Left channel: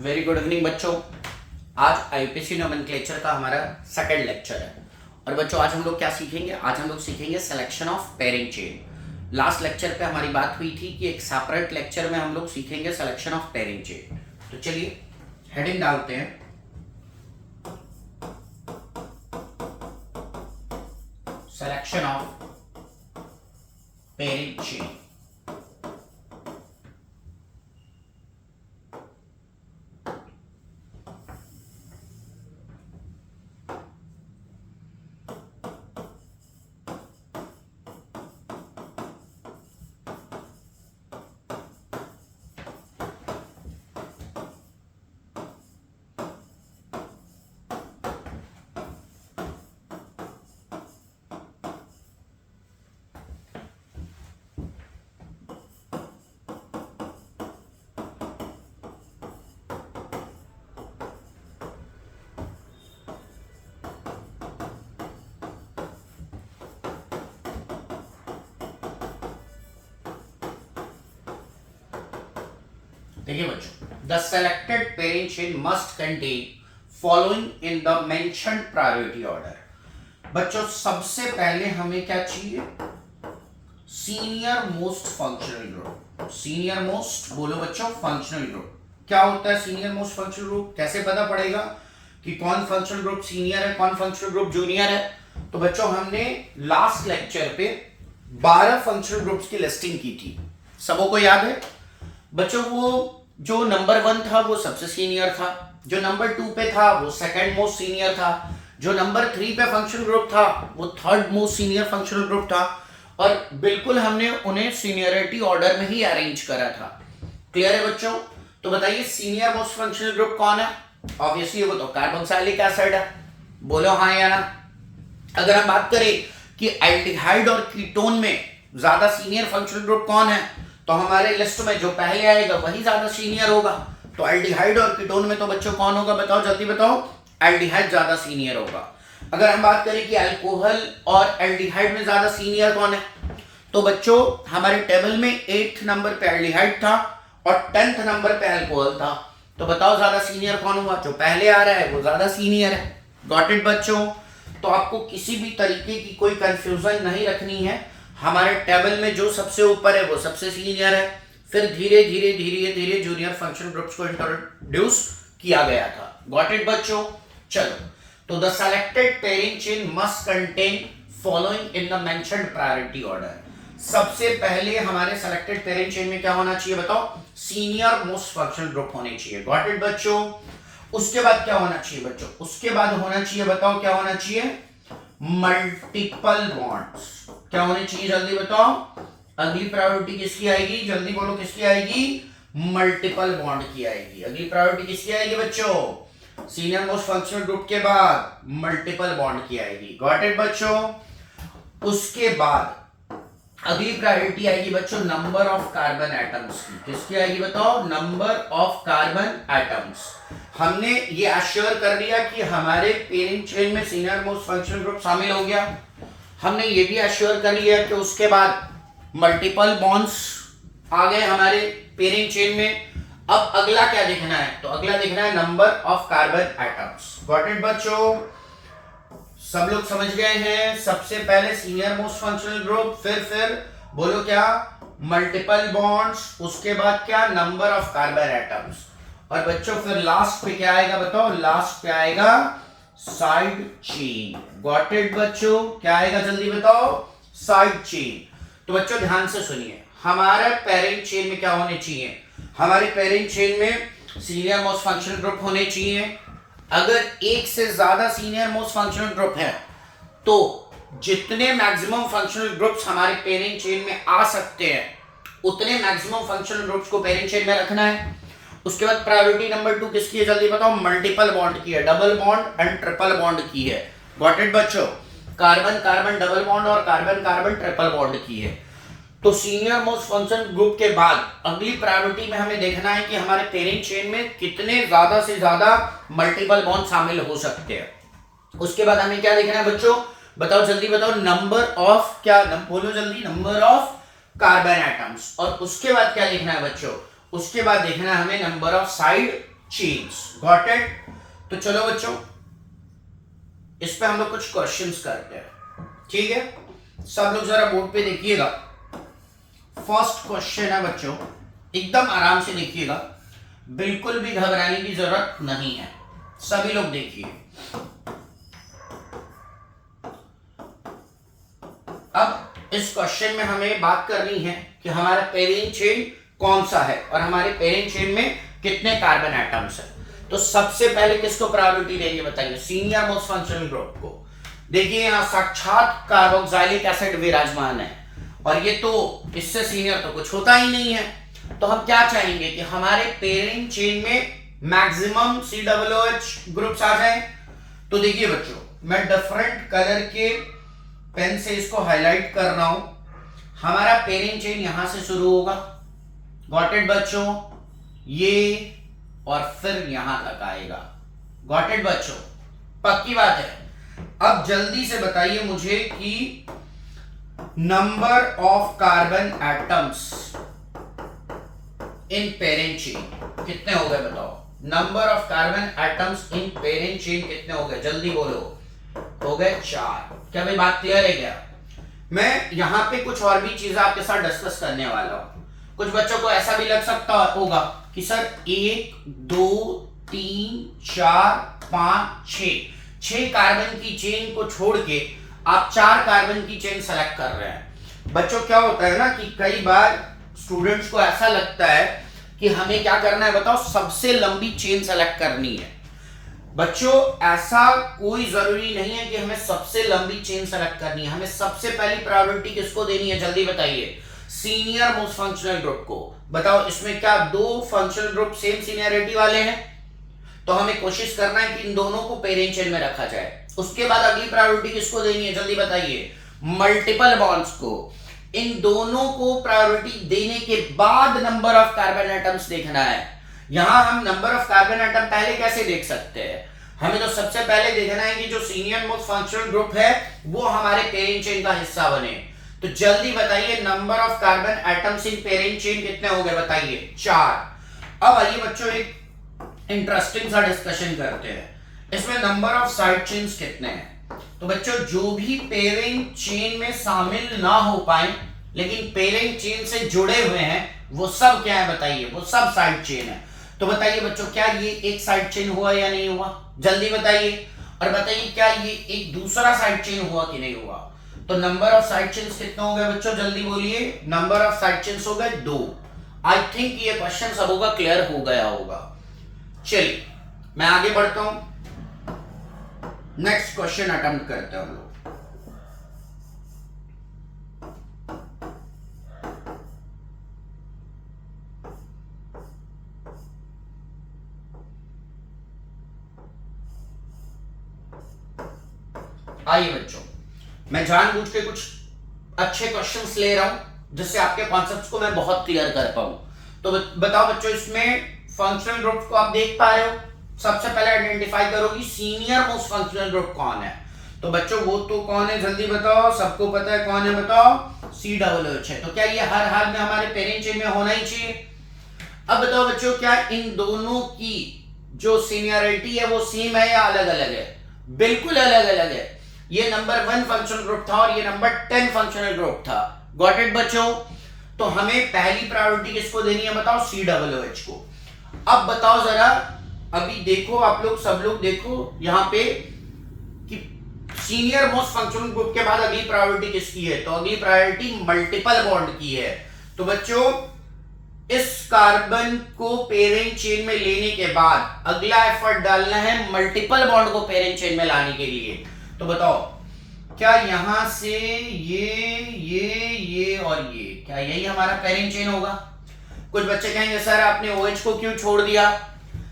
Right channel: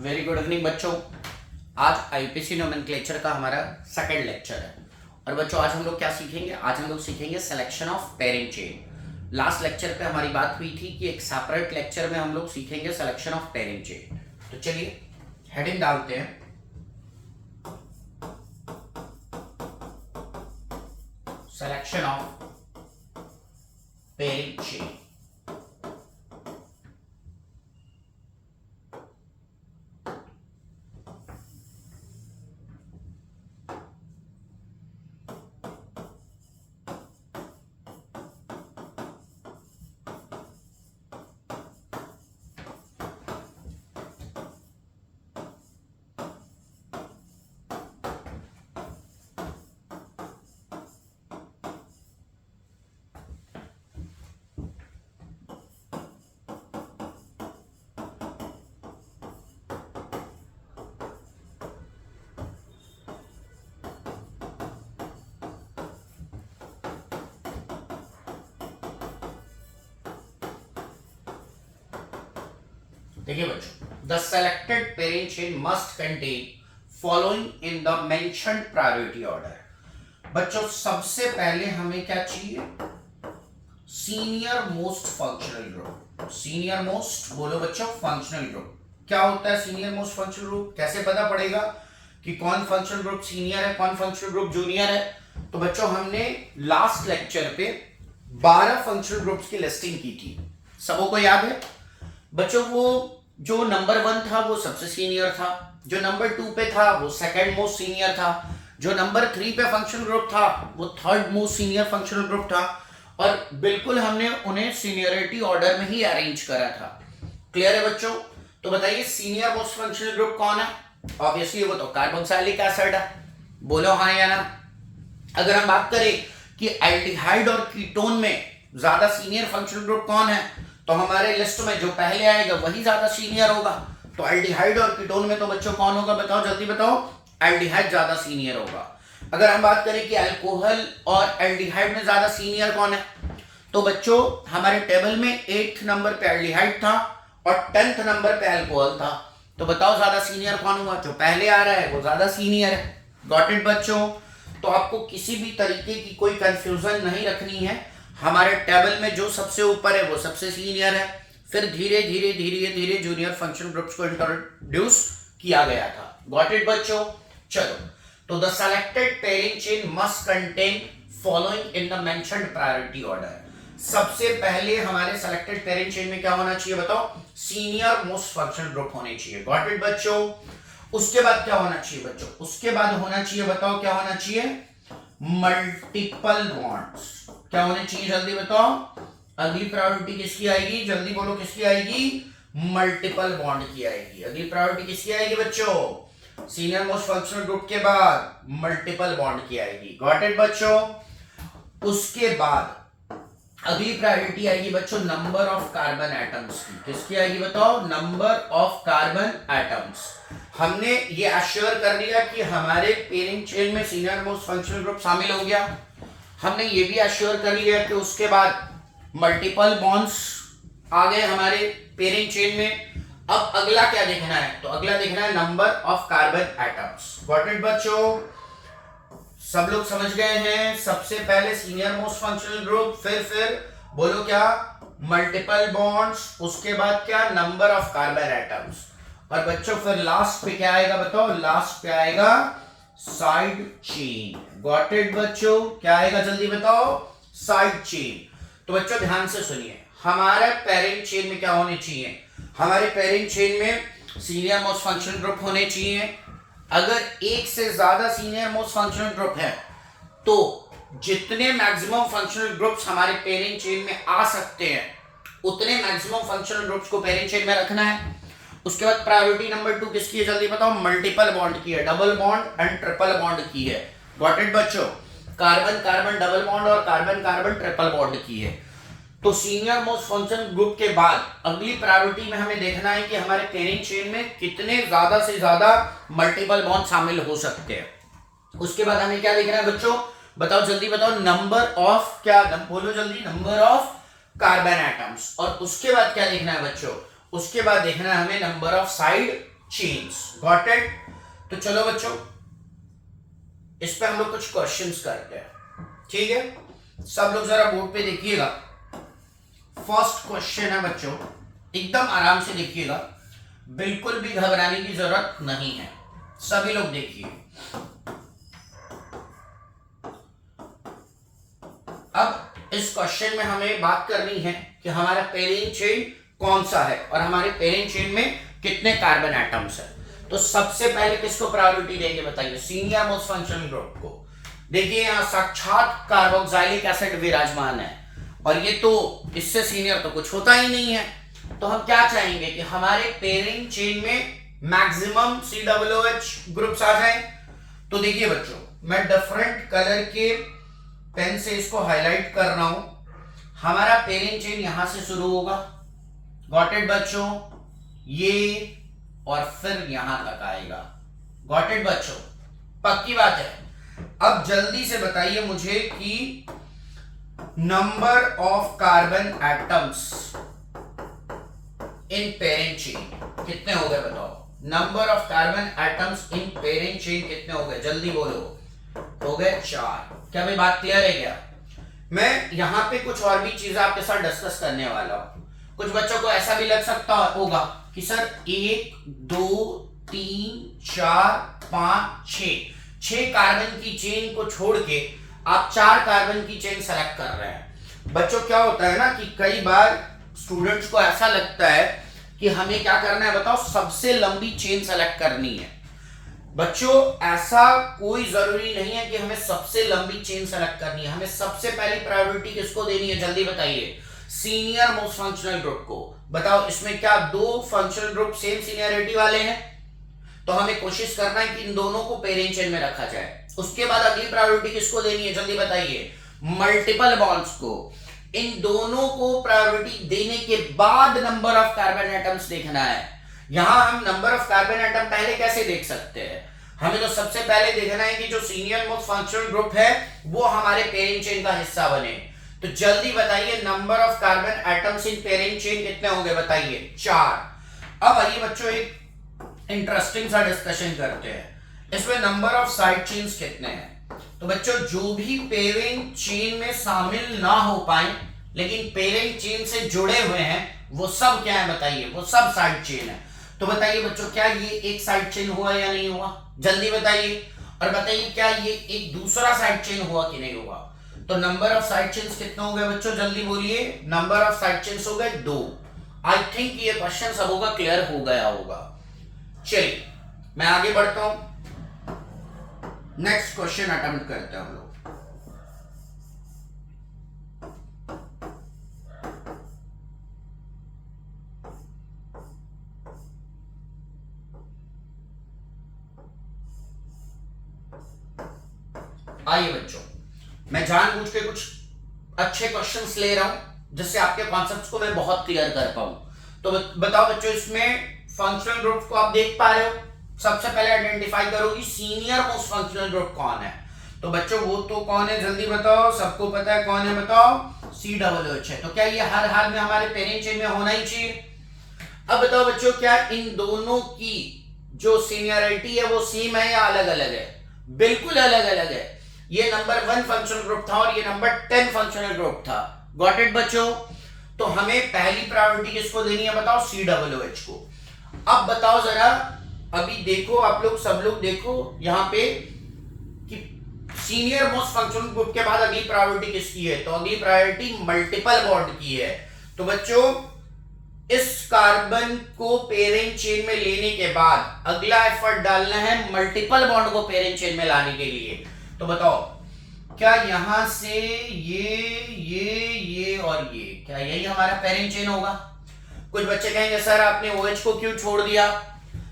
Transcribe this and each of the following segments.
Very good evening बच्चों। आज IPC nomenclature का हमारा सेकंड लेक्चर है और बच्चों आज हम लोग क्या सीखेंगे? आज हम लोग सीखेंगे selection of parent chain. Last lecture पे हमारी बात हुई थी कि एक सेपरेट लेक्चर में हम लोग सीखेंगे सिलेक्शन ऑफ पेरेंट चेन। तो चलिए हेडिंग डालते हैं, सिलेक्शन ऑफ पेरेंट चेन। देखिए बच्चों, the selected parent chain must contain following in the mentioned priority order. बच्चों सबसे पहले हमें क्या चाहिए? Senior most functional group. Senior most बोलो बच्चों, फंक्शनल ग्रुप। क्या होता है सीनियर मोस्ट फंक्शनल ग्रुप? कैसे पता पड़ेगा कि कौन फंक्शनल ग्रुप सीनियर है, कौन फंक्शनल ग्रुप जूनियर है? तो बच्चों हमने लास्ट लेक्चर पे 12 फंक्शनल ग्रुप्स की लिस्टिंग की थी, सबको याद है बच्चों? वो जो नंबर 1 था वो सबसे सीनियर था, जो नंबर 2 पे था वो सेकंड मोस्ट सीनियर था, जो नंबर 3 पे फंक्शनल ग्रुप था वो third most senior functional group था, और बिल्कुल हमने उन्हें सीनियरिटी ऑर्डर में ही अरेंज करा था। क्लियर है बच्चों? तो बताइए सीनियर मोस्ट फंक्शनल ग्रुप कौन है? ऑब्वियसली वो तो कार्बोक्सिलिक एसिड है। बोलो हाँ या ना। अगर हम बात करें कि एल्डिहाइड और कीटोन में ज्यादा सीनियर फंक्शनल ग्रुप कौन है, तो हमारे लिस्ट में जो पहले आएगा वही ज्यादा सीनियर होगा। तो एल्डिहाइड और कीटोन में तो बच्चों कौन होगा? बताओ जल्दी बताओ। एल्डिहाइड ज्यादा सीनियर होगा। अगर हम बात करें कि अल्कोहल और एल्डिहाइड में ज्यादा सीनियर कौन है, तो बच्चों हमारे टेबल में 8th नंबर पे एल्डिहाइड था और 10th नंबर पे अल्कोहल था। तो बताओ ज्यादा सीनियर कौन हुआ? जो पहले आ रहा है वो ज्यादा सीनियर है। गॉट इट बच्चों? तो आपको किसी भी तरीके की कोई कंफ्यूजन नहीं रखनी है। हमारे टेबल में जो सबसे ऊपर है वो सबसे सीनियर है। फिर धीरे धीरे धीरे धीरे जूनियर फंक्शनल ग्रुप्स को इंट्रोड्यूस किया गया था। गॉट इट बच्चों? चलो, तो the selected parent chain must contain following in the mentioned priority order. सबसे पहले हमारे सेलेक्टेड पेरेंट चेन में क्या होना चाहिए? बताओ। सीनियर मोस्ट फंक्शनल ग्रुप होने चाहिए। गॉट इट बच्चों? उसके बाद क्या होना चाहिए बच्चों? उसके बाद होना चाहिए, बताओ क्या होना चाहिए? Multiple bonds. क्या होने चाहिए? जल्दी बताओ। अगली प्रायोरिटी किसकी आएगी? जल्दी बोलो किसकी आएगी? मल्टीपल बॉन्ड की आएगी। अगली प्रायोरिटी किसकी आएगी बच्चों? सीनियर मोस्ट फंक्शनल ग्रुप के बाद मल्टीपल बॉन्ड की आएगी। गॉट इट बच्चों? उसके बाद अगली प्रायोरिटी आएगी बच्चों नंबर ऑफ कार्बन एटम्स की। किसकी आएगी बताओ? Number of carbon atoms. हमने ये अश्योर कर लिया कि हमारे पेरेंट चेन में सीनियर मोस्ट फंक्शनल ग्रुप शामिल हो गया। हमने ये भी अश्योर कर लिया कि उसके बाद मल्टीपल बॉन्ड्स आ गए हमारे पेरेंट चेन में। अब अगला क्या देखना है? तो अगला देखना है number of carbon atoms. Got it बच्चों? सब लोग समझ गए हैं? सबसे पहले सीनियर मोस्ट फंक्शनल ग्रुप, फिर बोलो क्या? मल्टीपल बॉन्ड्स, उसके बाद क्या? Number of carbon atoms. और बच्चों फिर लास्ट पे क्या आएगा बताओ? लास्ट पे आएगा साइड चेन। गॉट इट बच्चों? क्या आएगा जल्दी बताओ? Side chain. तो बच्चों ध्यान से सुनिए, हमारे पेरेंट चेन में क्या होने चाहिए? हमारे पेरेंट चेन में सीनियर मोस्ट फंक्शनल ग्रुप होने चाहिए। अगर एक से ज्यादा सीनियर मोस्ट फंक्शनल ग्रुप है तो जितने मैक्सिमम फंक्शनल ग्रुप्स हमारे पेरेंट चेन में आ सकते हैं उतने मैक्सिमम फंक्शनल ग्रुप्स को पेरेंट चेन में रखना है। उसके बाद प्रायोरिटी नंबर 2 किसकी है? जल्दी बताओ। मल्टीपल बॉन्ड की है, double bond and triple bond की है। गॉट इट बच्चों? कार्बन कार्बन डबल बॉन्ड और कार्बन कार्बन ट्रिपल बॉन्ड की है। तो सीनियर मोस्ट फंक्शनल ग्रुप के बाद अगली प्रायोरिटी में हमें देखना है कि हमारे पेरेंट चेन में कितने ज्यादा से ज्यादा मल्टीपल बॉन्ड शामिल हो सकते हैं। उसके बाद हमें क्या देखना है बच्चों? बताओ जल्दी बताओ। नंबर ऑफ क्या? बोलो जल्दी। Number of carbon atoms. और उसके बाद क्या देखना है बच्चों? उसके बाद देखना है हमें number of side chains. Got it? तो चलो बच्चों इस पे हम लोग कुछ क्वेश्चंस करते हैं, ठीक है? सब लोग जरा बोर्ड पे देखिएगा। फर्स्ट क्वेश्चन है बच्चों, एकदम आराम से देखिएगा, बिल्कुल भी घबराने की जरूरत नहीं है, सभी लोग देखिए। अब इस क्वेश्चन में हमें बात करनी है कि हमारा पेरेंट चेन कौन सा है और हमारे पेरेंट चेन में कितने कार्बन एटम्स है। तो सबसे पहले किसको प्रायोरिटी देंगे बताइए? सीनियर मोस्ट फंक्शनल ग्रुप को। देखिए यहां साक्षात कार्बोक्सिलिक एसिड विराजमान है और ये तो इससे सीनियर तो कुछ होता ही नहीं है। तो हम क्या चाहेंगे कि हमारे पेरेंट चेन में मैक्सिमम COOH ग्रुप्स आ जाए। तो देखिए बच्चों मैं डिफरेंट कलर के पेन से इसको हाईलाइट कर रहा हूं। हमारा पेरेंट चेन यहां से शुरू होगा, गॉट इट बच्चों, ये और फिर यहां तक आएगा। गॉट इट बच्चों? पक्की बात है। अब जल्दी से बताइए मुझे कि number of carbon atoms in parent chain कितने हो गए बताओ? Number of carbon atoms in parent chain कितने हो गए? जल्दी बोलो। हो गए 4। क्या भाई बात क्लियर है क्या? मैं यहां पे कुछ और भी चीजें आपके साथ डिस्कस करने वाला हूं। कुछ बच्चों को ऐसा भी लग सकता होगा कि सर 1 2 3 4 5 6 कार्बन की चेन को छोड़ के आप 4 कार्बन की चेन सेलेक्ट कर रहे हैं। बच्चों क्या होता है ना कि कई बार स्टूडेंट्स को ऐसा लगता है कि हमें क्या करना है बताओ? सबसे लंबी चेन सेलेक्ट करनी है। बच्चों ऐसा कोई जरूरी नहीं है कि हमें सबसे लंबी चेन सेलेक्ट करनी है। हमें सबसे पहली प्रायोरिटी किसको देनी है? जल्दी बताइए। सीनियर मोस्ट फंक्शनल ग्रुप को। बताओ इसमें क्या 2 फंक्शनल ग्रुप सेम सीनियरिटी वाले हैं? तो हमें कोशिश करना है कि इन दोनों को पेरेंट चेन में रखा जाए। उसके बाद अगली प्रायोरिटी किसको देनी है? जल्दी बताइए। मल्टीपल बॉन्ड्स को। इन दोनों को प्रायोरिटी देने के बाद नंबर ऑफ कार्बन एटम्स देखना है। यहां हम नंबर ऑफ कार्बन एटम पहले कैसे देख सकते हैं? हमें तो सबसे पहले देखना है कि जो सीनियर मोस्ट फंक्शनल ग्रुप है वो हमारे पेरेंट चेन का हिस्सा बने। तो जल्दी बताइए number of carbon atoms in parent chain कितने हो गए? बताइए 4। अब आइए बच्चों एक इंटरेस्टिंग सा डिस्कशन करते हैं। इसमें नंबर ऑफ साइड चेन्स कितने हैं? तो बच्चों जो भी पेरेंट चेन में शामिल ना हो पाए लेकिन पेरेंट चेन से जुड़े हुए हैं वो सब क्या है बताइए? वो सब साइड चेन है। तो बताइए बच्चों क्या ये एक साइड चेन हुआ या नहीं हुआ? जल्दी बताइए। और बताइए क्या ये एक दूसरा साइड चेन हुआ कि नहीं हुआ? तो नंबर ऑफ साइड चेन्स कितने हो गए बच्चों? जल्दी बोलिए। नंबर ऑफ साइड चेन्स हो गए 2। आई थिंक ये क्वेश्चन सबों का क्लियर हो गया होगा। चलिए मैं आगे बढ़ता हूं, नेक्स्ट क्वेश्चन अटेम्प्ट करते हैं हम लोग। आइए बच्चों मैं जानबूझ के कुछ अच्छे क्वेश्चंस ले रहा हूं जिससे आपके कॉन्सेप्ट्स को मैं बहुत क्लियर कर पाऊं। तो बताओ बच्चों इसमें फंक्शनल ग्रुप को आप देख पा रहे हो? सबसे पहले आइडेंटिफाई करो कि सीनियर मोस्ट फंक्शनल ग्रुप कौन है। तो बच्चों वो तो कौन है? जल्दी बताओ। सबको पता है कौन है? बताओ। COOH है। तो क्या ये हर हाल में हमारे पेरेंट चेन में होना ही चाहिए? अब बताओ बच्चों क्या इन दोनों की जो सीनियरिटी है वो सेम है या अलग अलग है? बिल्कुल अलग अलग है। ये नंबर 1 फंक्शनल ग्रुप था और ये नंबर 10 फंक्शनल ग्रुप था। गॉट इट बच्चों? तो हमें पहली प्रायोरिटी किसको देनी है बताओ? COOH को। अब बताओ जरा, अभी देखो आप लोग, सब लोग देखो यहां पे कि सीनियर मोस्ट फंक्शनल ग्रुप के बाद अगली प्रायोरिटी किसकी है? तो अगली प्रायोरिटी मल्टीपल बॉन्ड की है। तो बच्चों इस कार्बन को पेरेंट चेन में लेने के बाद अगला एफर्ट डालना है मल्टीपल बॉन्ड को पेरेंट चेन में लाने के लिए। तो बताओ क्या यहां से ये और ये, क्या यही हमारा पेरेंट चेन होगा? कुछ बच्चे कहेंगे सर आपने OH को क्यों छोड़ दिया?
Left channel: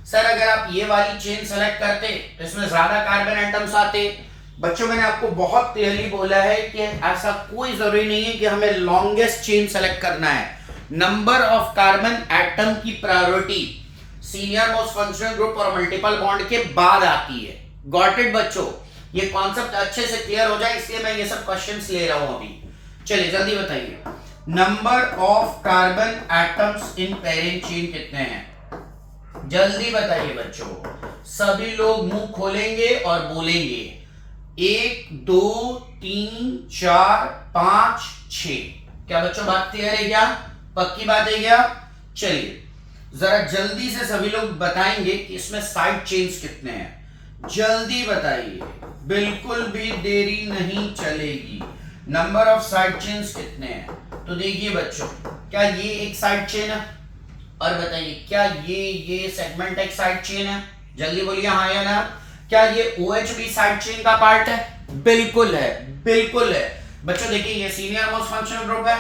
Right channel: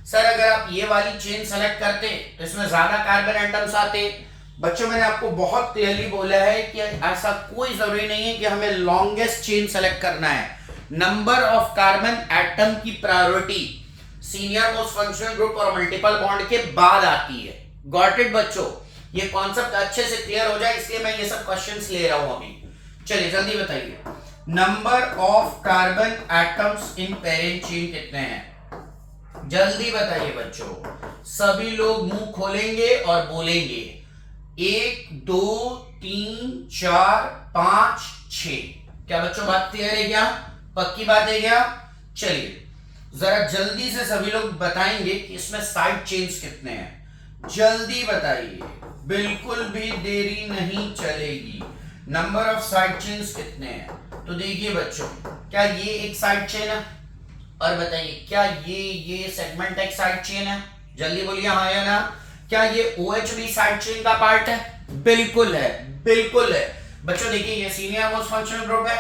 सर अगर आप ये वाली चेन सेलेक्ट करते तो इसमें ज्यादा कार्बन एटम्स आते। बच्चों मैंने आपको बहुत क्लियरली बोला है कि ऐसा कोई जरूरी नहीं है कि हमें लॉन्गेस्ट चेन सेलेक्ट करना है। नंबर ऑफ कार्बन एटम की priority senior most functional group और मल्टीपल बॉन्ड के बाद आती है। गॉट इट बच्चों? ये कॉन्सेप्ट अच्छे से क्लियर हो जाए इसलिए मैं ये सब क्वेश्चंस ले रहा हूं अभी। चलिए जल्दी बताइए number of carbon atoms in parent chain कितने हैं? जल्दी बताइए बच्चों, सभी लोग मुंह खोलेंगे और बोलेंगे 1 2 3 4 5 6। क्या बच्चों बात क्लियर है क्या? पक्की बात है क्या? चलिए जरा जल्दी से सभी लोग बताएंगे कि इसमें साइड चेन्स कितने हैं। जल्दी बताइए, बिल्कुल भी देरी नहीं चलेगी। नंबर ऑफ साइड चेन्स कितने हैं? तो देखिए बच्चों, क्या ये एक साइड चेन है? और बताइए क्या ये सेगमेंट एक साइड चेन है? जल्दी बोलिए हाँ या ना। क्या ये OH भी साइड चेन का पार्ट है? बिल्कुल है, बिल्कुल है। बच्चों देखिए, ये सीनियर मोस्ट फंक्शनल ग्रुप है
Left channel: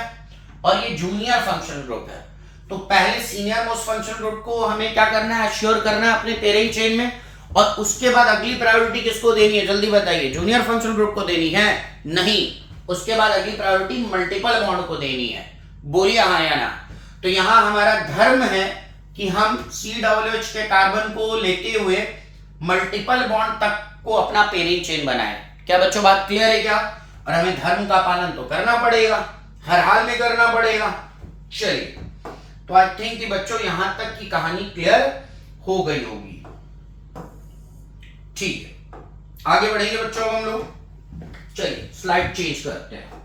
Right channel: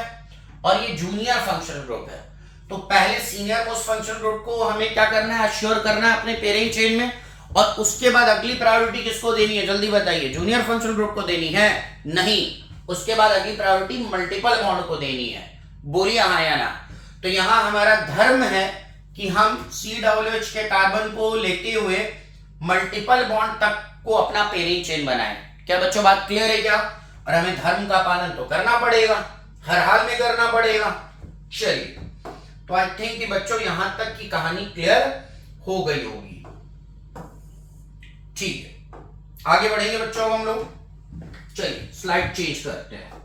और ये जूनियर फंक्शनल ग्रुप है। तो पहले सीनियर मोस्ट फंक्शनल ग्रुप को हमें क्या करना है? एश्योर करना है अपने पेरेंट चेन में, और उसके बाद अगली प्रायोरिटी किसको देनी है? जल्दी बताइए। जूनियर फंक्शनल ग्रुप को देनी है? नहीं, उसके बाद अगली प्रायोरिटी मल्टीपल बॉन्ड को देनी है। बोलिए हाँ या ना। तो यहां हमारा धर्म है कि हम COOH के कार्बन को लेते हुए मल्टीपल बॉन्ड तक को अपना पेरेंट चेन बनाए। क्या बच्चों बात क्लियर है क्या? और हमें धर्म का पालन तो करना पड़ेगा, हर हाल में करना पड़ेगा। चलिए, तो आई थिंक कि बच्चों यहां तक की कहानी क्लियर हो गई होगी। ठीक है, आगे बढ़ेंगे बच्चों हम लोग। चलिए स्लाइड चेंज करते हैं।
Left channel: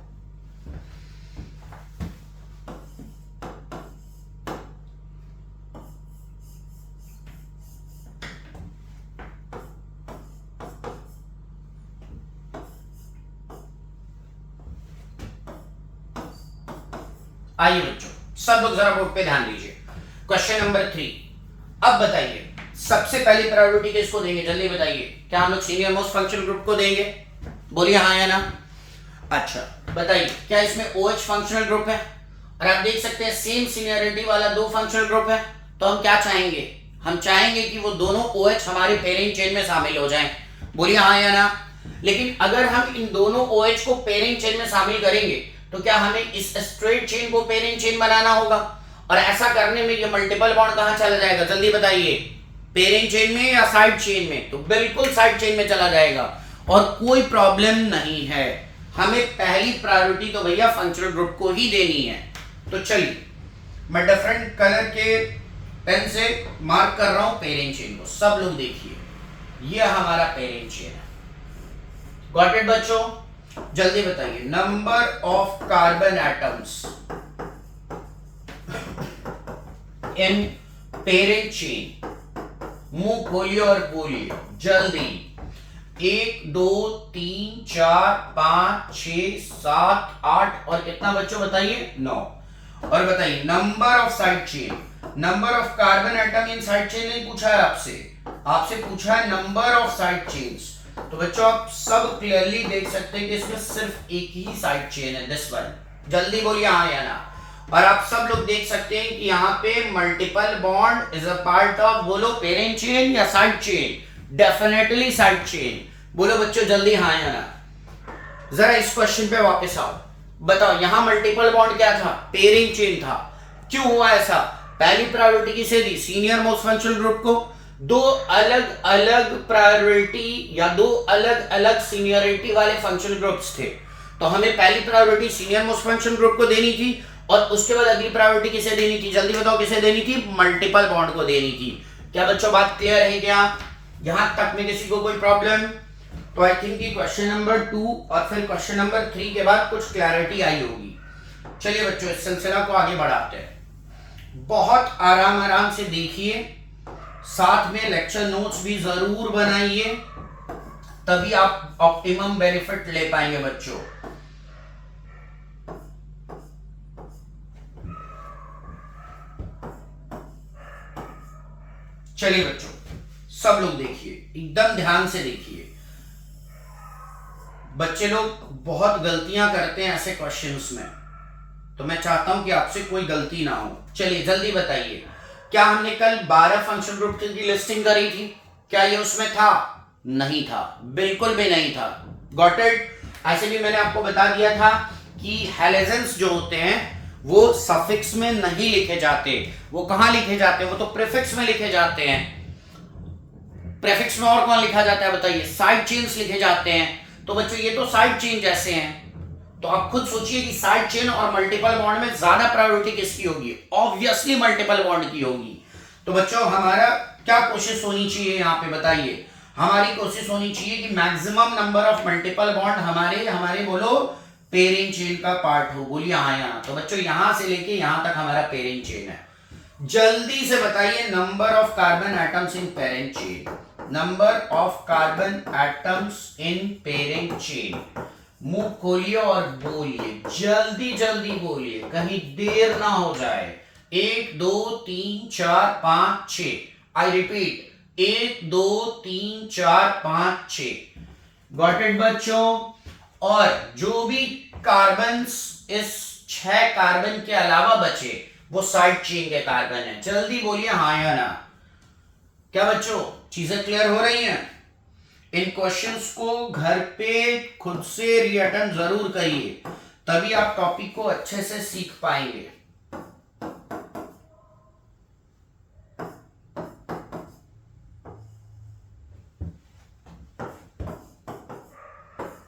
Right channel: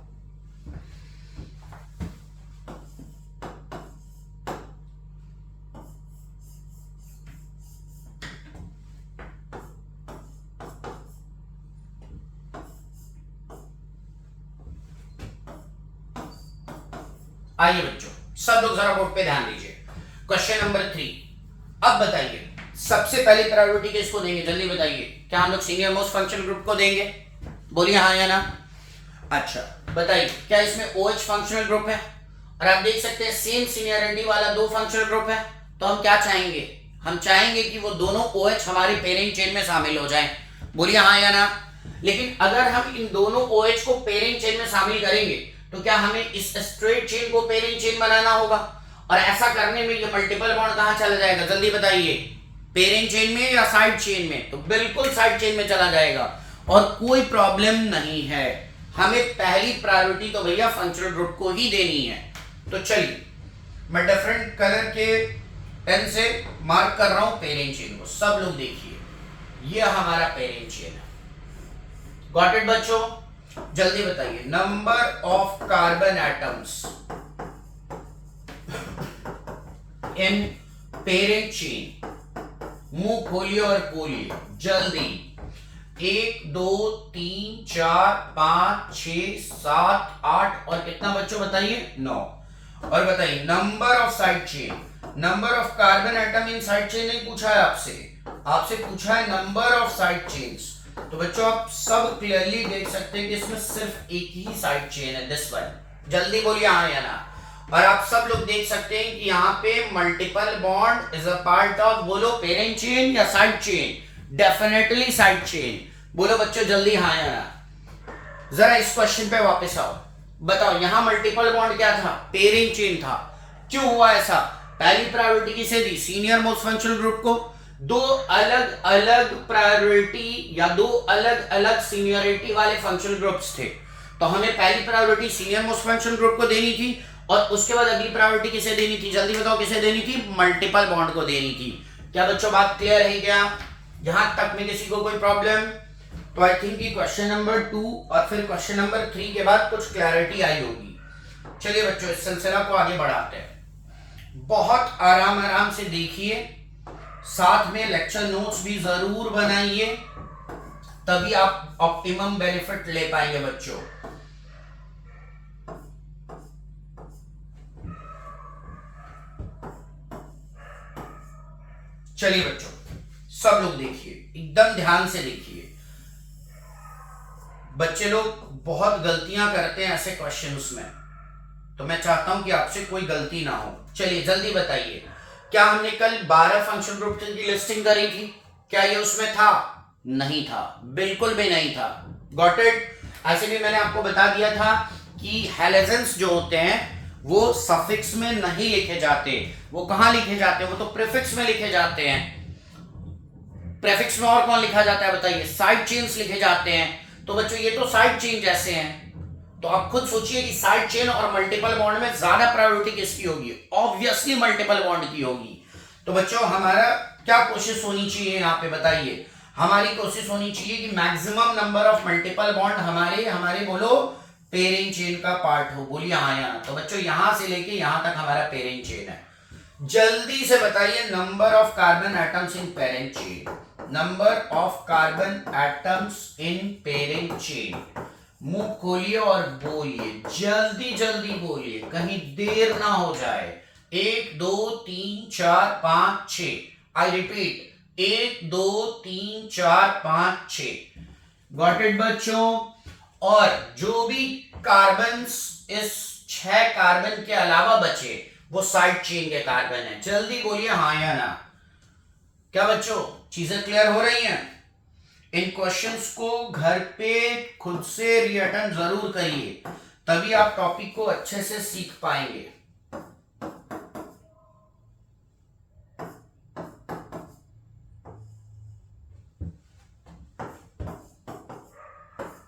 आइए बच्चों, सब लोग जरा बोर्ड पे ध्यान दीजिए। Question number 3। अब बताइए सबसे पहली प्रायोरिटी किसको देंगे? जल्दी बताइए। क्या हम लोग सीनियर मोस्ट फंक्शनल ग्रुप को देंगे? बोलिए हाँ या ना। अच्छा बताइए, क्या इसमें OH फंक्शनल ग्रुप है? और आप देख सकते हैं सेम सीनियरिटी वाला 2 फंक्शनल ग्रुप है। तो हम क्या चाहेंगे? हम चाहेंगे कि वो दोनों OH हमारी पेरेंट चेन में शामिल हो जाएं। बोलिए हाँ या ना। लेकिन अगर हम इन दोनों OH को पेरेंट चेन में शामिल करेंगे तो क्या हमें इस स्ट्रेट चेन को पेरेंट चेन बनाना होगा? और ऐसा करने में ये मल्टीपल बॉन्ड कहां चला जाएगा? जल्दी बताइए। पेरेंट चेन में या साइड चेन में? तो बिल्कुल साइड चेन में चला जाएगा और कोई प्रॉब्लम नहीं है। हमें पहली प्रायोरिटी तो भैया फंक्शनल ग्रुप को ही देनी है। तो चलिए मैं डिफरेंट कलर के पेन से मार्क कर रहा हूं पेरेंट चेन को। सब लोग देखिए, ये हमारा पेरेंट चेन है। गॉट इट बच्चों? जल्दी बताइए, number of carbon atoms in parent chain. मुंह खोलिए और बोलिए जल्दी। 1 2 3 4 5 6 7 8 और कितना बच्चों बताइए? 9। और बताइए number of side chain. Number of carbon atom in side chain नहीं पूछा है आपसे, आपसे पूछा है नंबर ऑफ साइड चेन्स। तो बच्चों आप सब क्लियरली देख सकते हैं कि इसमें सिर्फ एक ही साइड चेन है, दिस वन। जल्दी बोलिए हाँ या ना। और आप सब लोग देख सकते हैं कि यहाँ पे multiple bond is a part of, बोलो पेरेंट चेन या side chain? Definitely side chain. बोलो बच्चों जल्दी हाँ या ना। जरा इस क्वेश्चन पे वापस आओ, बताओ यहां मल्टीपल बॉन्ड क्या था? पेरेंट चेन था। क्यों हुआ ऐसा? पहली प्रायोरिटी किसे दी? सीनियर मोस्ट फंक्शनल ग्रुप को। 2 अलग अलग प्रायोरिटी या 2 अलग अलग सीनियरिटी वाले फंक्शनल ग्रुप्स थे, तो हमें पहली priority senior most functional group को देनी थी और उसके बाद अगली प्रायोरिटी किसे देनी थी? जल्दी बताओ किसे देनी थी? मल्टीपल बॉन्ड को देनी थी। क्या बच्चों बात क्लियर है क्या? यहां तक में किसी को कोई प्रॉब्लम? तो आई थिंक कि क्वेश्चन नंबर 2 और फिर क्वेश्चन नंबर 3 के बाद कुछ क्लैरिटी आई होगी। चलिए बच्चों इस सिलसिला को आगे बढ़ाते हैं। बहुत आराम आराम से देखिए, साथ में लेक्चर नोट्स भी जरूर बनाइए, तभी आप ऑप्टिमम बेनिफिट ले पाएंगे बच्चों। चलिए बच्चों सब लोग देखिए, एकदम ध्यान से देखिए। बच्चे लोग बहुत गलतियां करते हैं ऐसे क्वेश्चंस में, तो मैं चाहता हूं कि आपसे कोई गलती ना हो। चलिए जल्दी बताइए, क्या हमने कल 12 फंक्शन ग्रुप की लिस्टिंग करी थी? क्या ये उसमें था? नहीं था, बिल्कुल भी नहीं था। Got it? ऐसे भी मैंने आपको बता दिया था कि हैलोजेंस जो होते हैं वो सफिक्स में नहीं लिखे जाते। वो कहां लिखे जाते हैं? वो तो प्रीफिक्स में लिखे जाते हैं। प्रीफिक्स में और कौन लिखा जाता है बताइए? साइड चेन्स लिखे जाते हैं। तो बच्चों ये तो साइड चेन जैसे हैं, तो आप खुद सोचिए कि साइड चेन और मल्टीपल बॉन्ड में ज्यादा प्रायोरिटी किसकी होगी? ऑब्वियसली मल्टीपल बॉन्ड की होगी। तो बच्चों हमारा क्या कोशिश होनी चाहिए यहाँ पे बताइए, हमारी कोशिश होनी चाहिए कि maximum number of multiple bond हमारे हमारे बोलो पेरेंट चेन का पार्ट हो। बोलिए हाँ या ना। तो बच्चों यहां से लेके यहां तक हमारा पेरेंट चेन है। जल्दी से बताइए number of carbon atoms in parent chain, number of carbon atoms in parent chain. मुंह खोलिए और बोलिए, जल्दी जल्दी बोलिए, कहीं देर ना हो जाए। 1 2 3 4 5 6। I repeat, 1 2 3 4 5 6। गॉट इट बच्चों। और जो भी कार्बन इस 6 कार्बन के अलावा बचे वो साइड चेन के कार्बन है। जल्दी बोलिए हाँ या ना। क्या बच्चों चीजें क्लियर हो रही हैं? इन क्वेश्चंस को घर पे खुद से रीअटेम्प्ट जरूर करिए, तभी आप टॉपिक को अच्छे से सीख पाएंगे।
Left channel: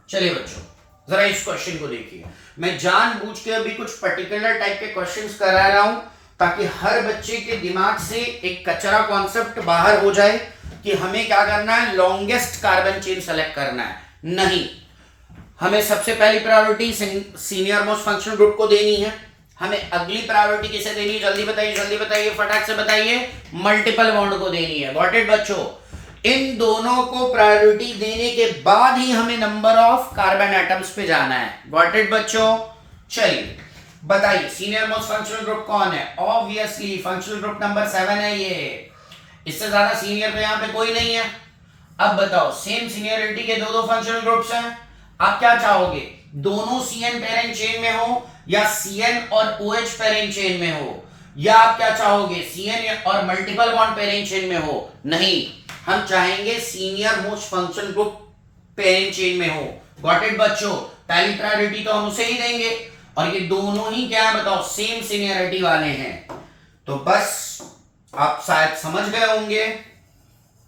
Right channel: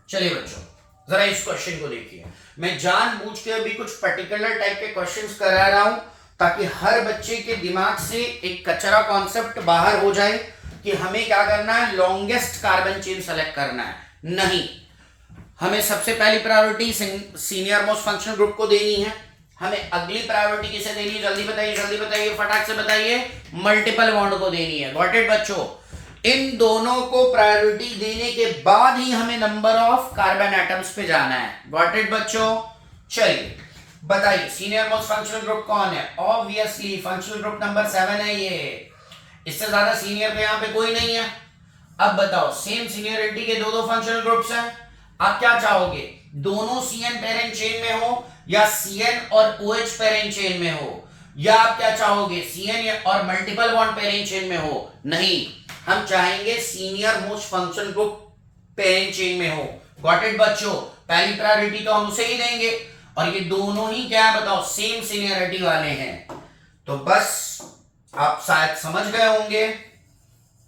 चलिए बच्चों जरा इस क्वेश्चन को देखिए। मैं जानबूझ के अभी कुछ पर्टिकुलर टाइप के क्वेश्चंस करा रहा हूं ताकि हर बच्चे के दिमाग से एक कचरा कॉन्सेप्ट बाहर हो जाए कि हमें क्या करना है, लॉन्गेस्ट कार्बन चेन सेलेक्ट करना है। नहीं, हमें सबसे पहली priority senior most functional group को देनी है। हमें अगली प्रायोरिटी किसे देनी है, जल्दी बताइए फटाक से बताइए, मल्टीपल बॉन्ड को देनी है। गॉट इट बच्चों। इन दोनों को प्रायोरिटी देने के बाद ही हमें नंबर ऑफ कार्बन एटम्स पे जाना है। गॉट इट बच्चों। चलिए बताइए सीनियर मोस्ट फंक्शनल ग्रुप कौन है? ऑब्वियसली फंक्शनल ग्रुप नंबर 7 है ये। इससे ज्यादा सीनियर पे यहाँ पे कोई नहीं है। अब बताओ सेम सीनियरिटी के दो फंक्शनल ग्रुप्स हैं, आप क्या चाहोगे? दोनों CN पेरेंट चेन में हो या CN और OH पेरेंट चेन में हो, या आप क्या चाहोगे CN और मल्टीपल बॉन्ड पेरेंट चेन में हो? नहीं, हम चाहेंगे senior most functional group parent chain में हो। गॉट इट बच्चों। पहली प्रायोरिटी तो हम उसे ही देंगे, और ये दोनों ही क्या बताओ सेम सीनियरिटी वाले हैं। तो बस आप शायद समझ गए होंगे।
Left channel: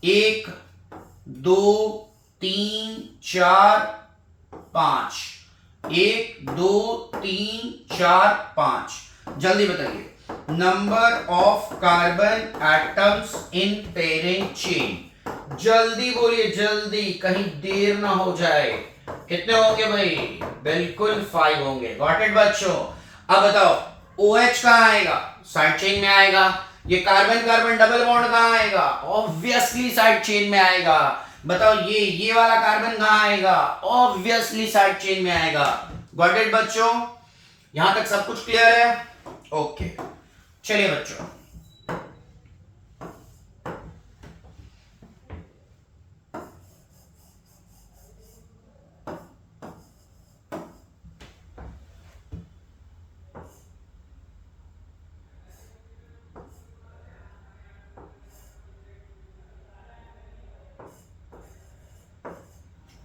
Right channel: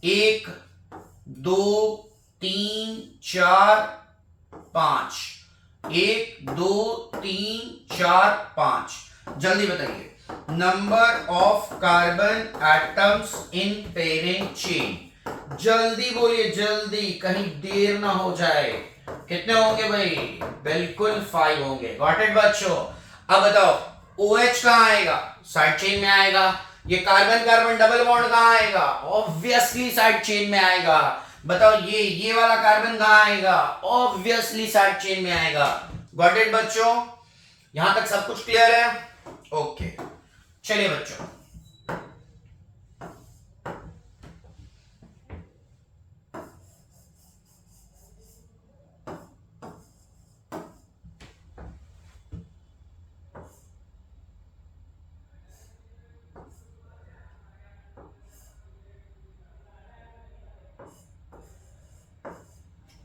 1 2 3 4 5, 1 2 3 4 5। जल्दी बताइए number of carbon atoms in parent chain. जल्दी बोलिए जल्दी, कहीं देर ना हो जाए। कितने होंगे भाई? बिल्कुल 5 होंगे। गॉट इट बच्चों। अब बताओ OH कहां आएगा? साइड चेन में आएगा। ये कार्बन कार्बन डबल बॉन्ड कहां आएगा? ऑब्वियसली साइड चेन में आएगा। बताओ ये वाला कार्बन कहां आएगा? ऑब्वियसली साइड चेन में आएगा। गॉट इट बच्चों। यहां तक सब कुछ क्लियर है? ओके चलिए बच्चों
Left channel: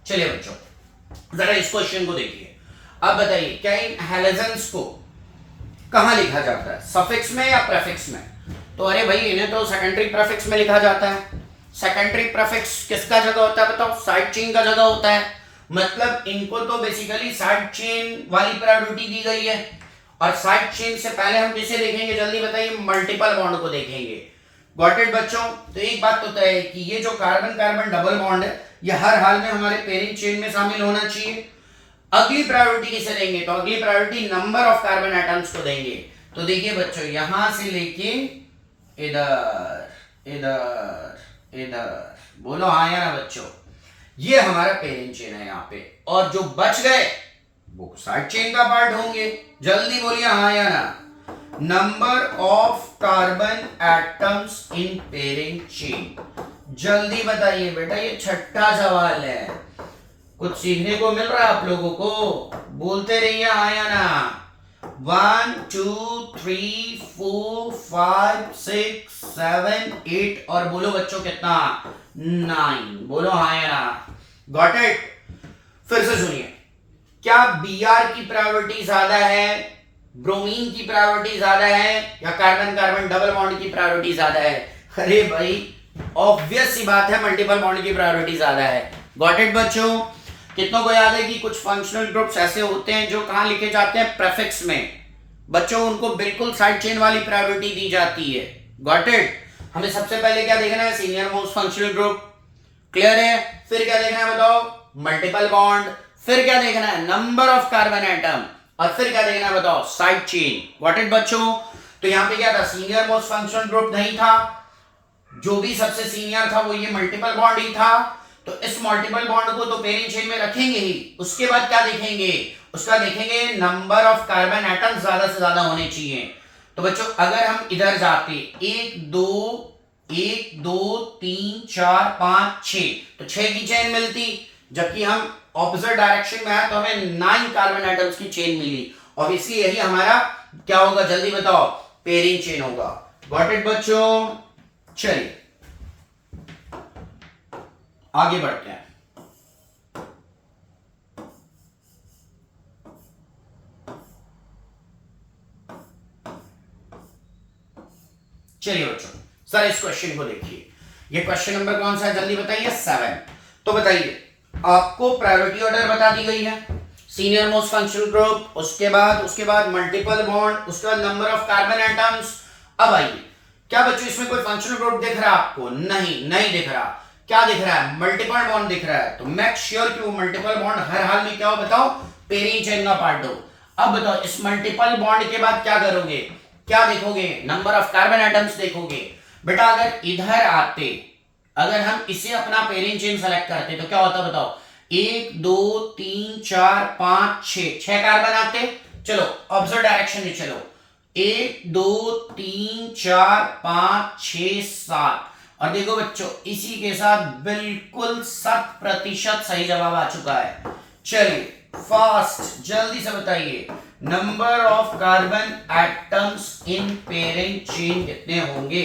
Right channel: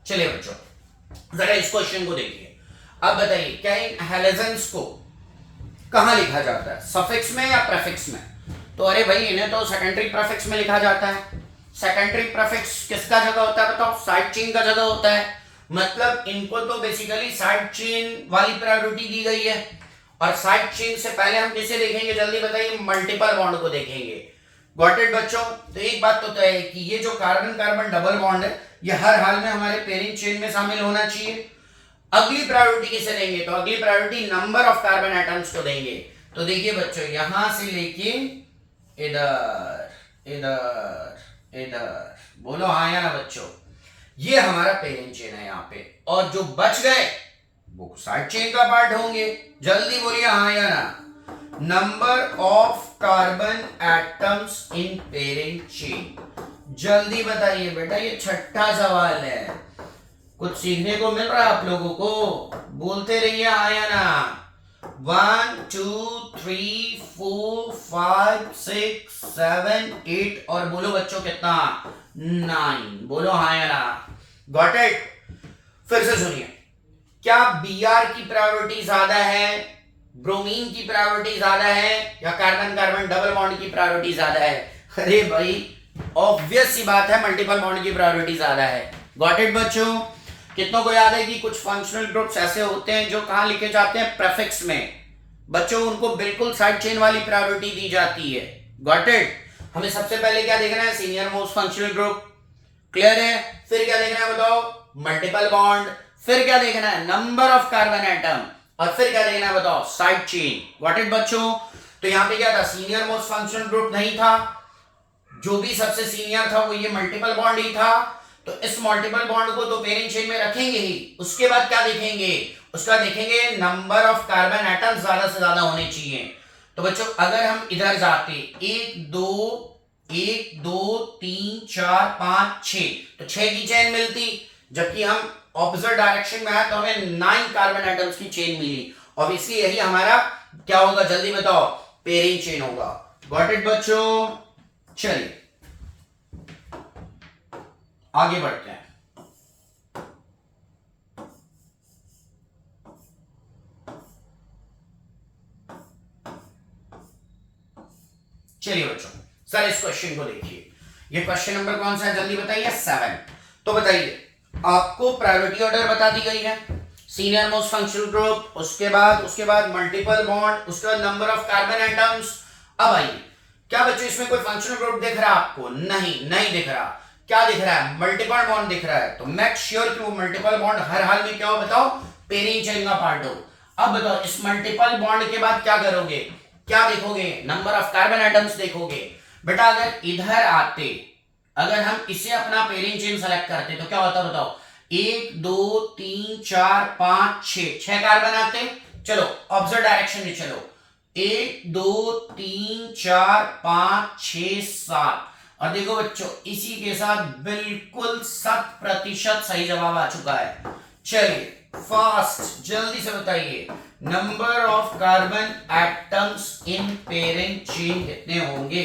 चलिए बच्चों जरा इस क्वेश्चन को देखिए। अब बताइए क्या इन हैलोजेंस को कहां लिखा जाता है, सफिक्स में या प्रेफिक्स में? तो अरे भाई इन्हें तो सेकेंडरी प्रेफिक्स में लिखा जाता है। सेकेंडरी प्रेफिक्स किसका जगह होता है बताओ? साइड चेन का जगह होता है। मतलब इनको तो बेसिकली साइड चेन वाली प्रायोरिटी दी गई है, और साइड चेन से पहले हम किसे देखेंगे जल्दी बताइए? मल्टीपल बॉन्ड को देखेंगे। गॉट इट बच्चों। तो एक बात तो तय है कि ये जो कार्बन कार्बन डबल बॉन्ड है ये हर हाल में हमारे पेरेंट चेन में शामिल होना चाहिए। अगली प्रायोरिटी किसे देंगे? तो अगली priority number of carbon atoms को देंगे। तो देखिए बच्चों यहां से लेके इधर इधर इधर, बोलो हाँ या ना बच्चों, ये हमारा पेरेंट चेन है यहाँ पे, और जो बच गए वो साइड चेन का पार्ट होंगे। जल्दी बोलिए हाँ या ना। Number of carbon atoms in parent chain. जल्दी बताइए बेटा, ये छठा सवाल है, कुछ सीखने को मिल रहा है आप लोगों को? बोलते रहिए हाँ या ना। 1 2 3 4 5 6 7 8, और बोलो बच्चों कितना? 9। बोलो हाँ या ना। Got it. फिर से सुनिए, क्या Br की प्रायोरिटी ज्यादा है, ब्रोमीन की प्रायोरिटी ज्यादा है, या कार्बन कार्बन डबल बॉन्ड की प्रायोरिटी ज्यादा है? अरे भाई ऑब्वियस सी बात है मल्टीपल बॉन्ड की प्रायोरिटी ज्यादा है। गॉट इट बच्चों। कितनों को याद है कि कुछ फंक्शनल ग्रुप्स ऐसे होते हैं जो कहां लिखे जाते हैं? प्रेफिक्स में। बच्चों उनको बिल्कुल साइड चेन वाली प्रायोरिटी दी जाती है। Got it. हमें सबसे पहले क्या देखना है, senior most functional group, clear है। फिर क्या देखना है बताओ, मल्टीपल बॉन्ड। फिर क्या देखना है, नंबर ऑफ कार्बन एटम। और फिर क्या देखना है बताओ, साइड चेन। व्हाट इट बच्चों, तो यहां पे क्या था, सीनियर मोस्ट फंक्शनल ग्रुप नहीं था, जो भी सबसे सीनियर था वो ये मल्टीपल बॉन्ड ही था। तो इस मल्टीपल बॉन्ड को तो पेरेंट चेन में रखेंगे ही। उसके बाद क्या देखेंगे, उसका देखेंगे नंबर ऑफ कार्बन एटम ज्यादा से ज्यादा होने चाहिए। तो बच्चों अगर हम इधर जाते, 1 2 3 4 5 6, तो 6 की चेन मिलती, जबकि हम ऑपोजिट डायरेक्शन में आए तो हमें 9 कार्बन एटम्स की चेन मिली। ऑब्वियसली यही हमारा क्या होगा, जल्दी बताओ, पेयरिंग चेन होगा। गॉट इट बच्चों, चलिए आगे बढ़ते हैं। चलिए बच्चों, सर इस क्वेश्चन को देखिए, ये क्वेश्चन नंबर कौन सा है जल्दी बताइए, 7। तो बताइए, आपको प्रायोरिटी ऑर्डर बता दी गई है, सीनियर मोस्ट फंक्शनल ग्रुप, उसके बाद मल्टीपल बॉन्ड, उसके बाद नंबर ऑफ कार्बन एटम्स। अब आइए, क्या बच्चों इसमें कोई फंक्शनल ग्रुप दिख रहा है आपको, नहीं दिख रहा। क्या दिख रहा है, मल्टीपल बॉन्ड दिख रहा है। तो मेक श्योर कि वो मल्टीपल बॉन्ड हर हाल में क्या हो बताओ, पेयरिंग चेन का पार्ट हो। अब बताओ इस मल्टीपल बॉन्ड के बाद क्या करोगे, क्या देखोगे, नंबर ऑफ कार्बन एटम्स देखोगे। बेटा अगर इधर आते, अगर हम इसे अपना पेयरिंग चेन सेलेक्ट करते तो क्या होता बताओ, 1 2 3 4 5 6 कार्बन आते। चलो ऑपोजिट डायरेक्शन में चलो, 1 2 3 4 5 6 7, और देखो बच्चों इसी के साथ बिल्कुल 7% सही जवाब आ चुका है। चलिए फास्ट जल्दी से बताइए, number of carbon atoms in pairing chain कितने होंगे।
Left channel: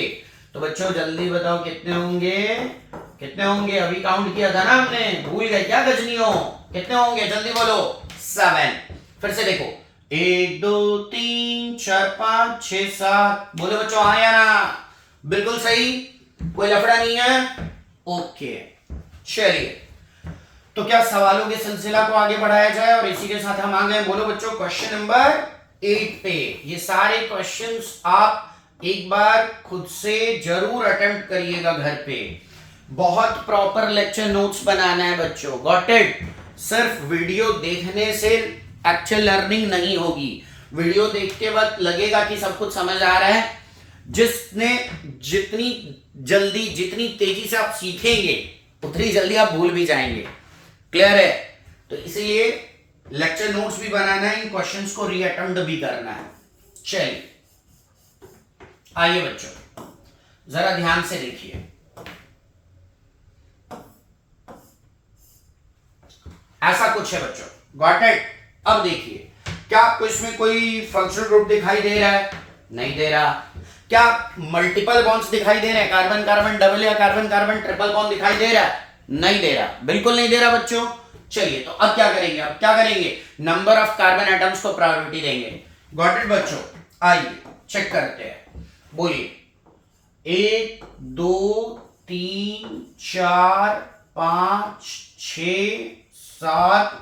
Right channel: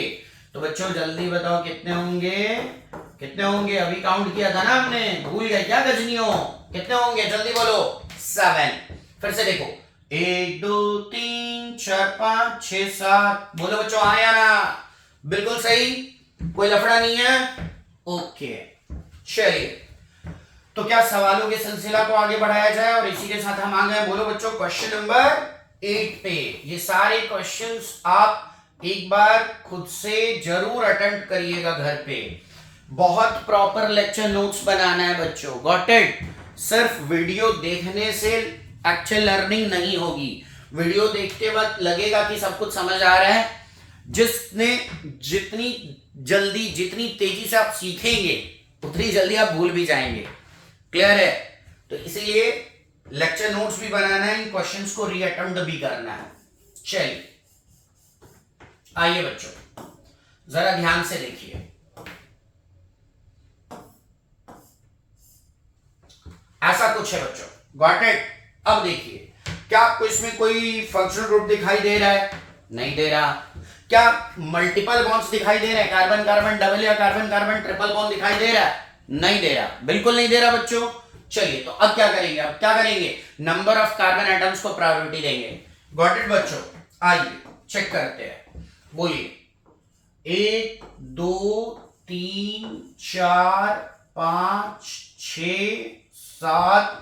तो बच्चों जल्दी बताओ कितने होंगे, अभी काउंट किया था ना हमने, भूल गए क्या गजनियों, कितने होंगे जल्दी बोलो, 7। फिर से देखो, 1 2 3 4 5 6 7, बोलो बच्चों हाँ या ना, बिल्कुल सही, कोई लफड़ा नहीं है, ओके। चलिए तो क्या सवालों के सिलसिला को आगे बढ़ाया जाए, और इसी के साथ हम आ गए, बोलो बच्चों क्वेश्चन नंबर 8 पे। ये सारे क्वेश्चंस आप एक बार खुद से जरूर अटेम्प्ट करिएगा घर पे, बहुत प्रॉपर लेक्चर नोट्स बनाना है बच्चों, गॉट इट। सिर्फ वीडियो देखने से एक्चुअल लर्निंग नहीं होगी, वीडियो देखते वक्त लगेगा कि सब कुछ समझ आ रहा है, जितनी जल्दी जितनी तेजी से आप सीखेंगे उतनी जल्दी आप भूल भी जाएंगे, क्लियर है। तो इसीलिए लेक्चर नोट्स भी बनाना है, इन क्वेश्चंस को रीअटेम्प्ट भी करना है। चलिए आइए बच्चों जरा ध्यान से देखिए, ऐसा कुछ है बच्चों, गॉट इट। अब देखिए, क्या आपको इसमें कोई फंक्शनल ग्रुप दिखाई दे रहा है, नहीं दे रहा। क्या मल्टीपल बॉन्ड्स दिखाई दे रहे हैं, कार्बन कार्बन डबल या कार्बन कार्बन ट्रिपल बॉन्ड दिखाई दे रहा है, नहीं दे रहा, बिल्कुल नहीं दे रहा बच्चों। चलिए तो अब क्या करेंगे, नंबर ऑफ कार्बन एटम्स को प्रायोरिटी देंगे, गॉट इट बच्चों। आइए चेक करते हैं, बोलिए 1 2 3 4 5 6 7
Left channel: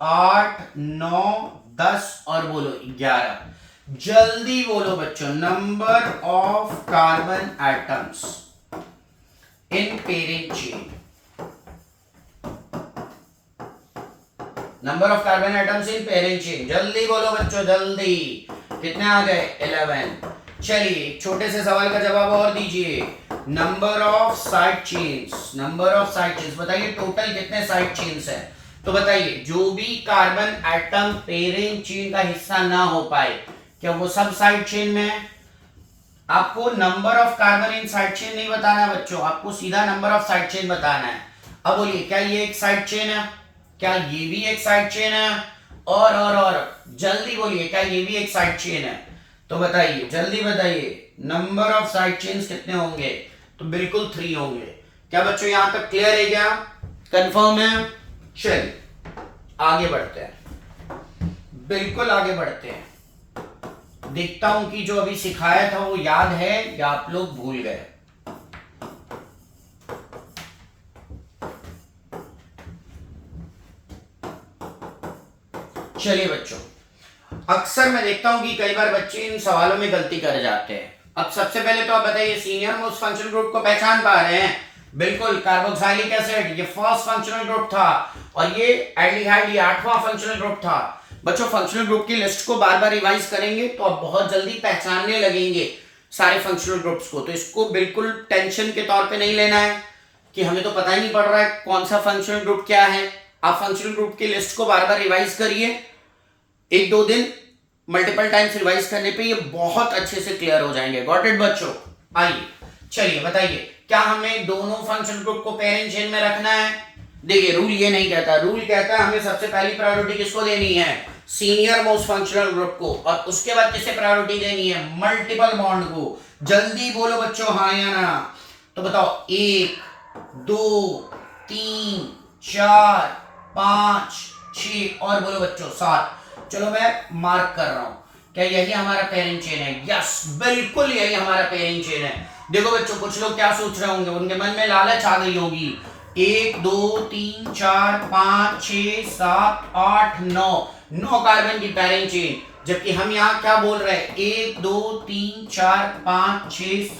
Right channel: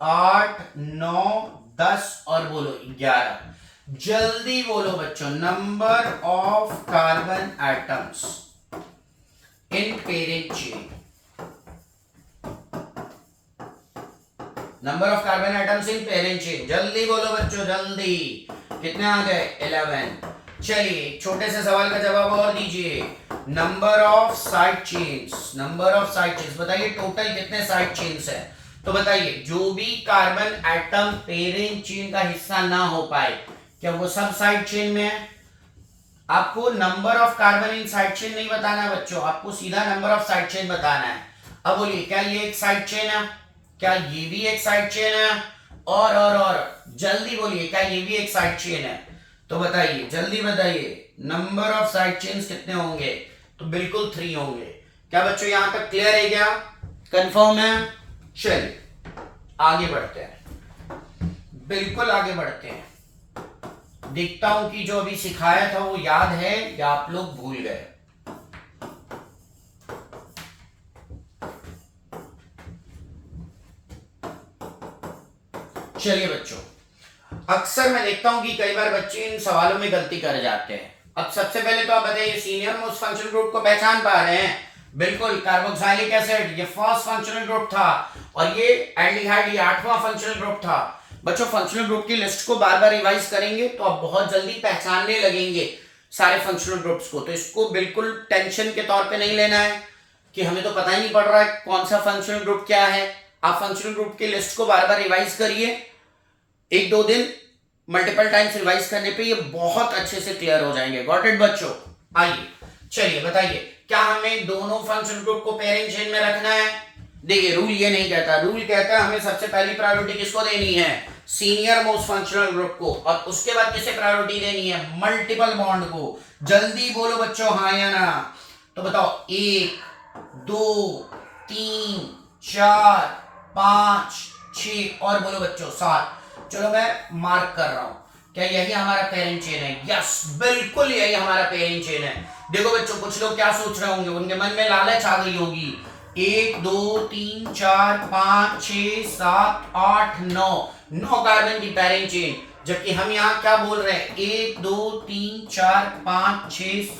8 9 10 और बोलो 11, जल्दी बोलो बच्चों, number of carbon atoms in parent chain, number of carbon atoms in parent chain, जल्दी बोलो बच्चों, जल्दी, कितने आ गए, 11। चलिए छोटे से सवाल का जवाब और दीजिए, नंबर ऑफ साइड चेन्स, बताइए टोटल कितने साइड चेन्स है। तो बताइए जो भी कार्बन एटम पेरेंट चेन का हिस्सा ना हो पाए, क्या वो सब साइड चेन में है। आपको number of carbon in side chain नहीं बताना बच्चों, आपको सीधा नंबर ऑफ साइड चेन बताना है। अब बोलिए क्या ये एक साइड चेन है, क्या ये भी एक साइड चेन है, और जल्दी बोलिए क्या ये भी एक साइड चेन है। तो बताइए जल्दी बताइए, नंबर ऑफ साइड चेन्स कितने होंगे, तो बिल्कुल 3 होंगे। क्या बच्चों यहां तक क्लियर है, क्या कंफर्म है। चलिए आगे बढ़ते हैं, बिल्कुल आगे बढ़ते हैं, देखता हूं कि जो अभी सिखाया था वो याद है या आप लोग भूल गए। चलिए बच्चों, अक्सर मैं देखता हूं कि कई बार बच्चे इन सवालों में गलती कर जाते हैं, अब सबसे पहले तो आप बताइए सीनियर मोस्ट फंक्शनल ग्रुप को पहचान पा रहे हैं? बिल्कुल, कार्बोक्सिलिक एसिड ये फर्स्ट फंक्शनल ग्रुप था और ये एल्डिहाइड ये 8वां फंक्शनल ग्रुप था। बच्चों फंक्शनल ग्रुप की लिस्ट को बार बार रिवाइज करेंगे तो आप बहुत जल्दी पहचानने लगेंगे सारे फंक्शनल ग्रुप्स को। तो इसको बिल्कुल टेंशन के तौर पे नहीं लेना है कि हमें तो पता ही नहीं पड़ रहा है कौन सा फंक्शनल ग्रुप क्या है। आप फंक्शनल ग्रुप की लिस्ट को बार बार रिवाइज करिए, 1-2 दिन मल्टीपल टाइम्स रिवाइज करने पे ये बहुत अच्छे से क्लियर हो जाएंगे। गॉट इट बच्चों? आइए चलिए बताइए, क्या हमें दोनों फंक्शनल ग्रुप को पेरेंट चेन में रखना है? देखिए रूल ये नहीं कहता, रूल कहता है हमें सबसे पहली प्रायोरिटी किसको देनी है? सीनियर मोस्ट फंक्शनल ग्रुप को, और उसके बाद किसे प्रायोरिटी देनी है? मल्टीपल बॉन्ड को। जल्दी बोलो बच्चों हाँ या ना। तो बताओ 1 2 3 4 5 6 और बोलो बच्चों 7। चलो मैं मार्क कर रहा हूं, क्या यही हमारा पेरेंट चेन है? यस बिल्कुल यही हमारा पेरेंट चेन है। देखो बच्चों कुछ लोग क्या सोच रहे होंगे, उनके मन में लालच आ गई होगी, 1 2 3 4 5 6 7 8 9 कार्बन की पेरेंट चेन, जबकि हम यहाँ क्या बोल रहे हैं 1 2 3 4 5 6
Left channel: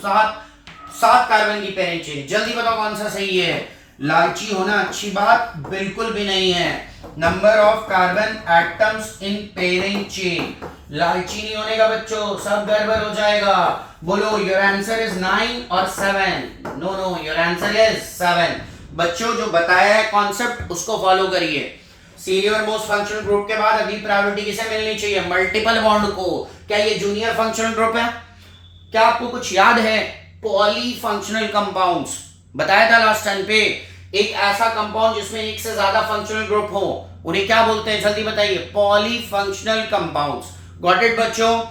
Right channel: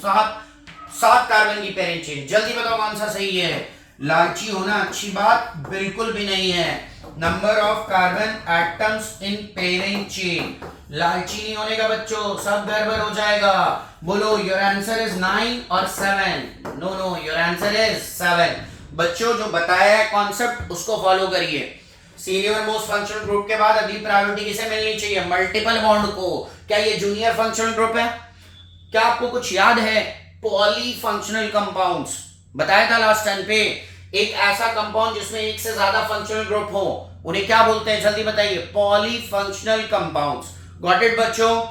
7 कार्बन की पेरेंट चेन। जल्दी बताओ कौन सा सही है? लालची होना अच्छी बात बिल्कुल भी नहीं है। Number of carbon atoms in parent chain, लालची नहीं होने का बच्चों, सब गड़बड़ हो जाएगा। बोलो योर आंसर इज 9 और 7? No no, your answer is 7। बच्चों जो बताया है कॉन्सेप्ट उसको फॉलो करिए। सीनियर मोस्ट फंक्शनल ग्रुप के बाद अगली प्रायोरिटी किसे मिलनी चाहिए? मल्टीपल बॉन्ड को। क्या ये जूनियर फंक्शनल ग्रुप है? क्या आपको कुछ याद है? पॉली फंक्शनल कंपाउंड्स बताया था लास्ट टाइम पे, एक ऐसा कंपाउंड जिसमें एक से ज्यादा फंक्शनल ग्रुप हो उन्हें क्या बोलते हैं? जल्दी बताइए। Poly functional compounds. Got it बच्चों?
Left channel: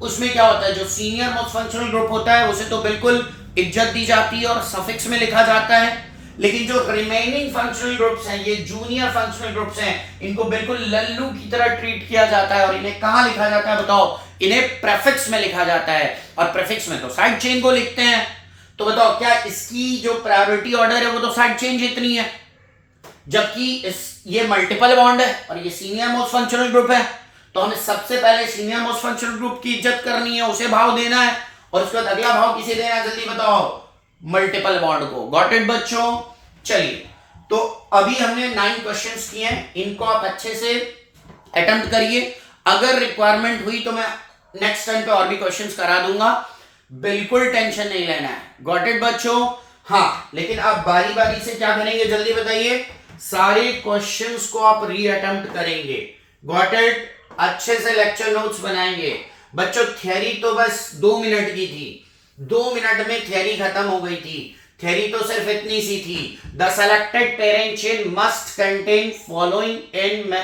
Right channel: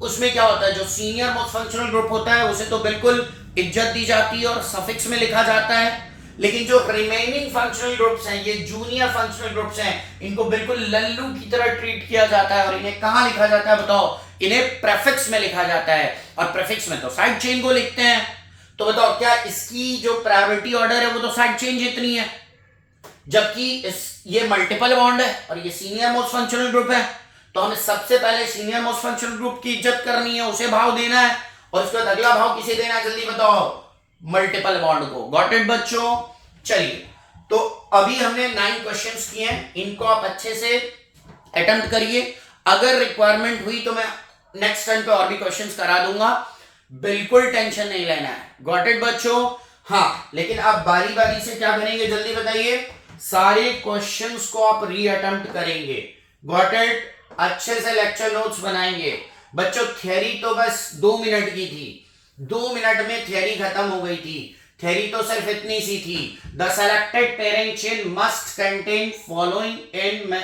उसमें क्या होता है, जो सीनियर मोस्ट फंक्शनल ग्रुप होता है उसे तो बिल्कुल इज्जत दी जाती है और सफिक्स में लिखा जाता है, लेकिन जो रिमेनिंग फंक्शनल ग्रुप्स हैं, ये जूनियर फंक्शनल ग्रुप्स हैं, इनको बिल्कुल लल्लू की तरह ट्रीट किया जाता है। और इन्हें कहां लिखा जाता है बताओ? इन्हें प्रेफिक्स में लिखा जाता है, और प्रेफिक्स में तो साइड चेन को लिखते हैं। तो बताओ क्या इसकी जो प्रायोरिटी ऑर्डर है वो तो साइड चेन जितनी है, जबकि ये मल्टीपल बॉन्ड है और ये सीनियर मोस्ट फंक्शनल ग्रुप है। तो हमें सबसे पहले सीनियर मोस्ट फंक्शनल ग्रुप की इज्जत करनी है, उसे भाव देना है, और उसके बाद अगला भाव किसे देना है? जल्दी बताओ। मल्टीपल बॉन्ड को। गॉट इट बच्चों? चलिए तो अभी हमने 9 क्वेश्चंस किए हैं, इनको आप अच्छे से अटेम्प्ट करिए। अगर रिक्वायरमेंट हुई तो मैं नेक्स्ट टाइम पे और भी क्वेश्चंस करा दूंगा, बिल्कुल टेंशन नहीं लेना है। गॉट इट बच्चों? हाँ, लेकिन आप बारी बारी से क्या करेंगे जल्दी बताइए? सारे क्वेश्चंस को आप री अटेम्प्ट करेंगे। Got it? अच्छे से लेक्चर नोट्स बनाएंगे। बच्चों थियरी तो बस 2 मिनट की थी, 2 मिनट में थियरी खत्म हो गई थी। थियरी तो सिर्फ इतनी सी थी, the selected parent chain must contain following in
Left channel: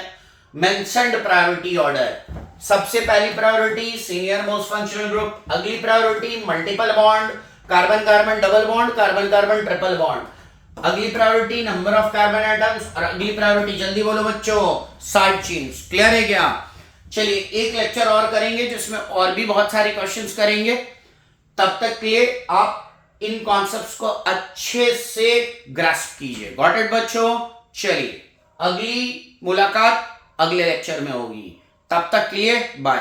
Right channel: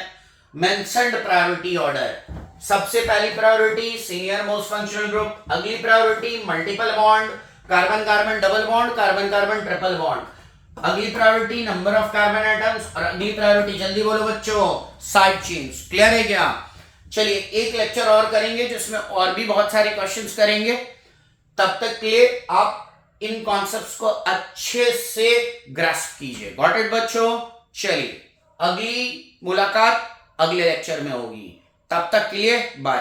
mentioned priority order. सबसे पहली priority senior most functional group, अगली priority multiple bond, carbon carbon double bond, carbon carbon triple bond, अगली priority number of carbon atoms, और अगली priority जल्दी बोलो बच्चों side chains. Clear है क्या? चलिए एक लेक्चर और करेंगे जिसमें और भी बहुत सारे क्वेश्चंस करेंगे। तब तक के लिए आप इन कॉन्सेप्ट्स को अच्छे से ग्रास्प कीजिए। गॉट इट बच्चों? चलिए अगली मुलाकात अगले लेक्चर में होगी, तब तक के लिए बाय।